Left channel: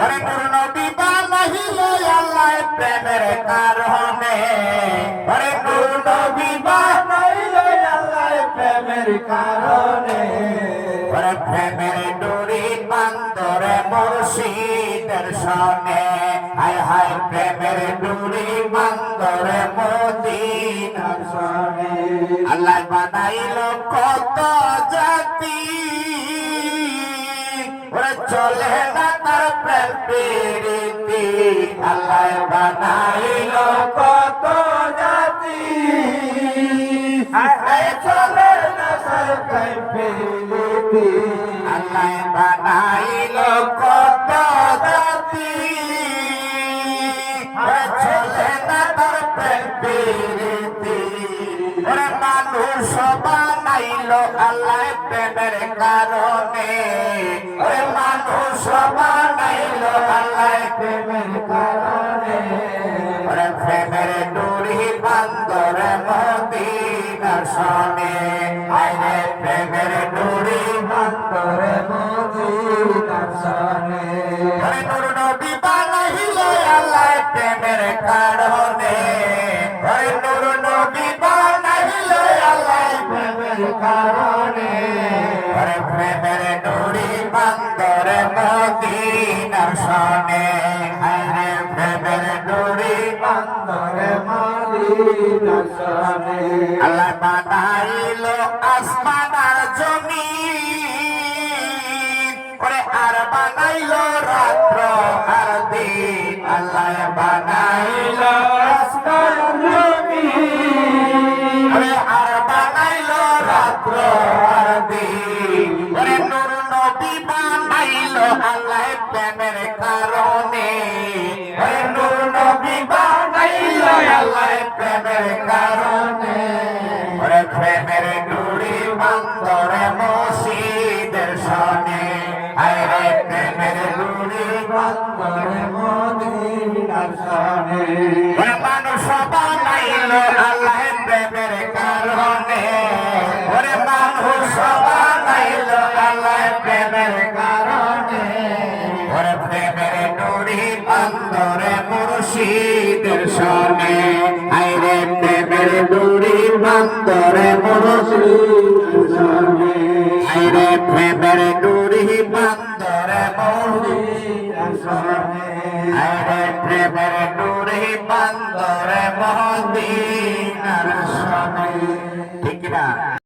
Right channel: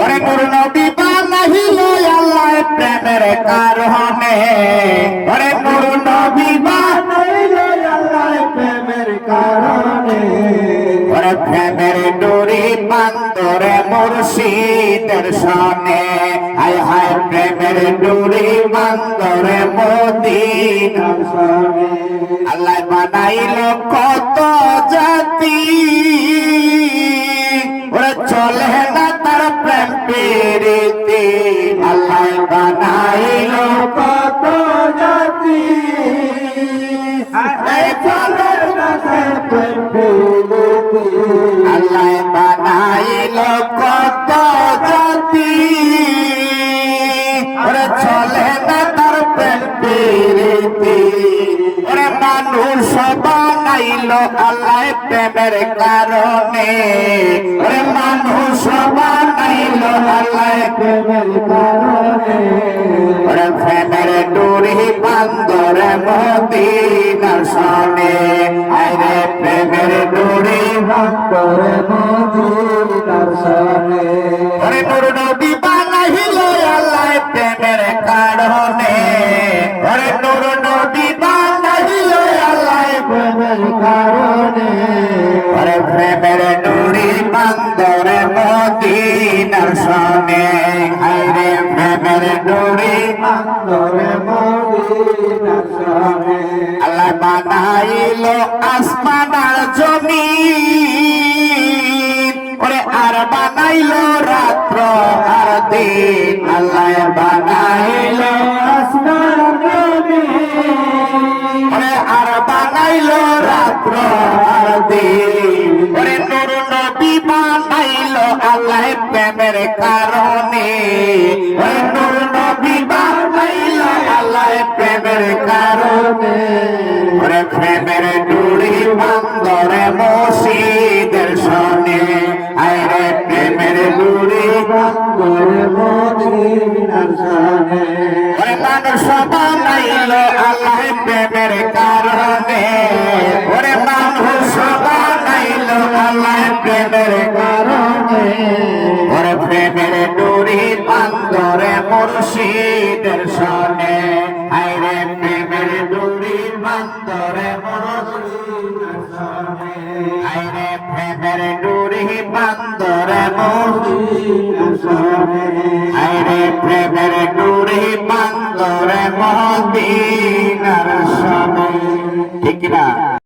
ওরে নূর নবী বানাইলো আল্লাহ প্রেমের কারণে ওরে নূর নবী বানাইলো আল্লাহ প্রেমের কারণে ওরে প্রেমের ডোরি বান্দরে মুর্শিদের সনে হায় হায় প্রেমের ডোরি বান্দরে মদিনার সনে আল্লাহ বানাইলো কত জাতি ওরে চলে না তার প্রেম প্রীতি আল্লাহ বানাইলো কত জাতি চলে না তার প্রেম প্রীতি আল্লাহ বানাইলো কত জাতি ওরে চলে না তার প্রেম প্রীতি ওরে মানুষ বানাইলো আল্লাহ প্রেমের কারণে ওরে মানুষ বানাইলো আল্লাহ প্রেমের কারণে ওরে প্রেমের ডোরি বান্দরে মদিনার সনে আরে প্রেমের ডোরি বান্দরে মদিনার সনে ওরে নূর নবী বানাইলো আল্লাহ প্রেমের কারণে ওরে নূর নবী বানাইলো আল্লাহ প্রেমের কারণে ওরে প্রেমের ডোরি বান্দরে মদিনার সনে আরে প্রেমের ডোরি বান্দরে মদিনার সনে আল্লাহ বানাইলো আসমান আর জমিন ওরে আর বানাইলো রাত্র আর দিন আল্লাহ বানাইলো আসমান আর জমিন ওরে আর বানাইলো রাত্র আর দিন ওরে নূর নবী বানাইলো আল্লাহ প্রেমের কারণে ওরে নূর নবী বানাইলো আল্লাহ প্রেমের কারণে ওরে প্রেমের ডোরি বান্দরে মুর্শিদের সনে আরে প্রেমের ডোরি বান্দরে মদিনার সনে ওরে মানুষ বানাইলো আল্লাহ প্রেমের কারণে ওরে মানুষ বানাইলো আল্লাহ প্রেমের কারণে ওরে প্রেমের ডোরি বান্দরে মুর্শিদের সনে আরে প্রেমের ডোরি বান্দরে মুর্শিদের সনে আরে প্রেমের ডোরি বান্দরে মুর্শিদের সনে আরে প্রেমের ডোরি বান্দরে মদিনার সনে।